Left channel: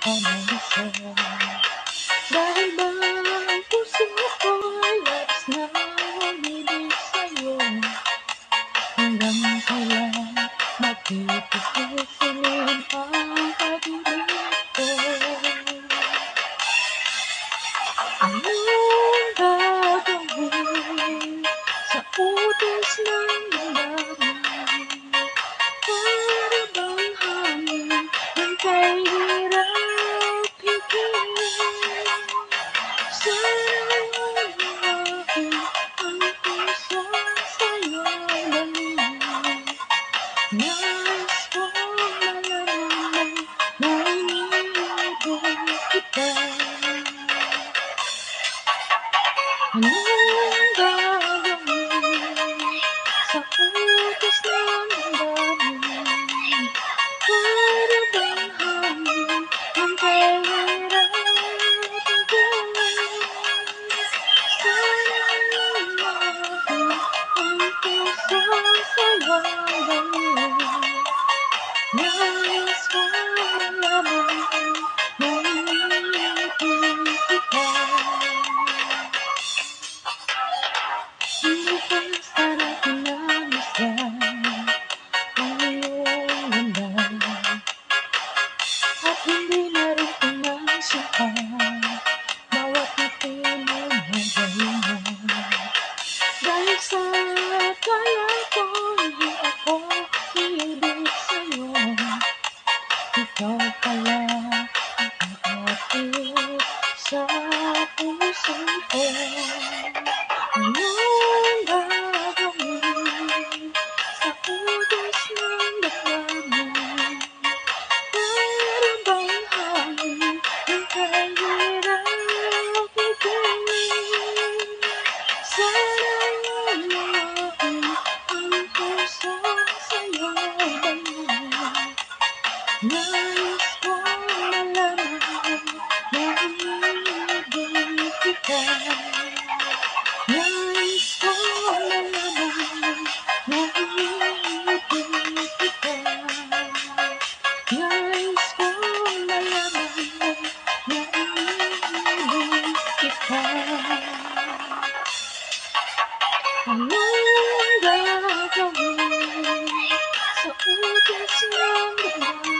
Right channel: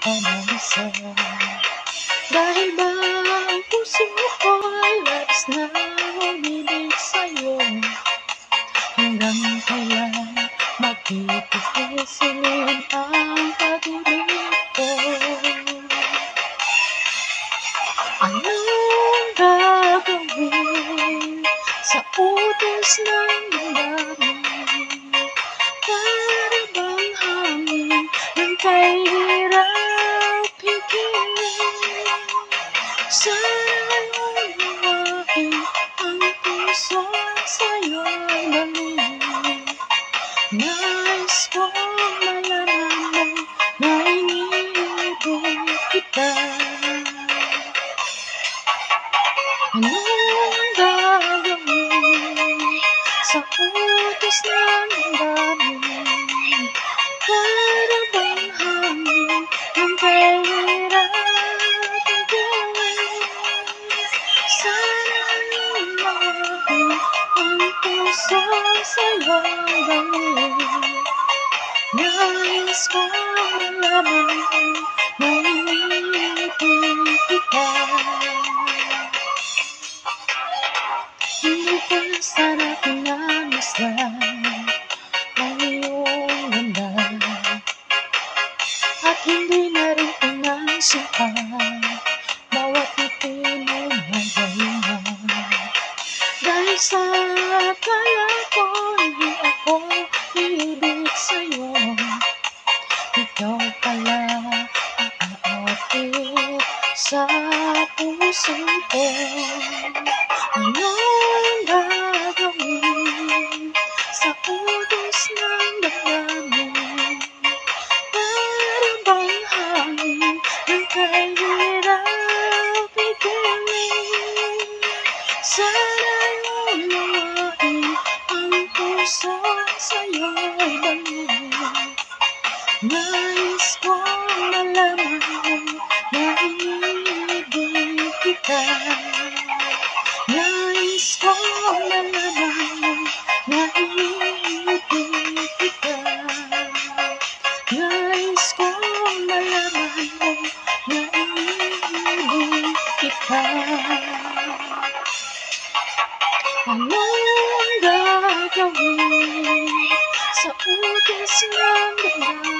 ka na isa. Dahil ba ang puso ko'y labis na umibig sa'yo? Hanggang kailan magpipigil ang pag-ibig ko? Anong gagawin sa utos ng damdamin? Para bang hangin ng kahirap pigilin? Sana'y unawain ang puso sa'yo'y bangin. Nais kong malaman mo na iniibig kita. Anong gagawin sa utos ng damdamin? Para bang hangin ng kahirap pigilin? Sana'y umamin ang puso sa'yo'y bangin. Nais kong malaman na iniibig kita. Hindi ko na sana pinamasdan ang iyong ganda, at hindi na rin pinansyaan bawat ngiti mo may galingan. Dahil sa akala ko hindi ako iibig sa'yo, ikaw pala ang aakit sa puso ko. Anong gagawin sa utos ng damdamin? Para bang hangin ng kahirap pigilin? Sana'y unawain ang puso sa'yo'y bangin. Nais kong malaman na iniibig kita. Nais kong malaman na iniibig kita. Nais kong malaman na iniibig kita. Anong gagawin sa utos ng damdamin?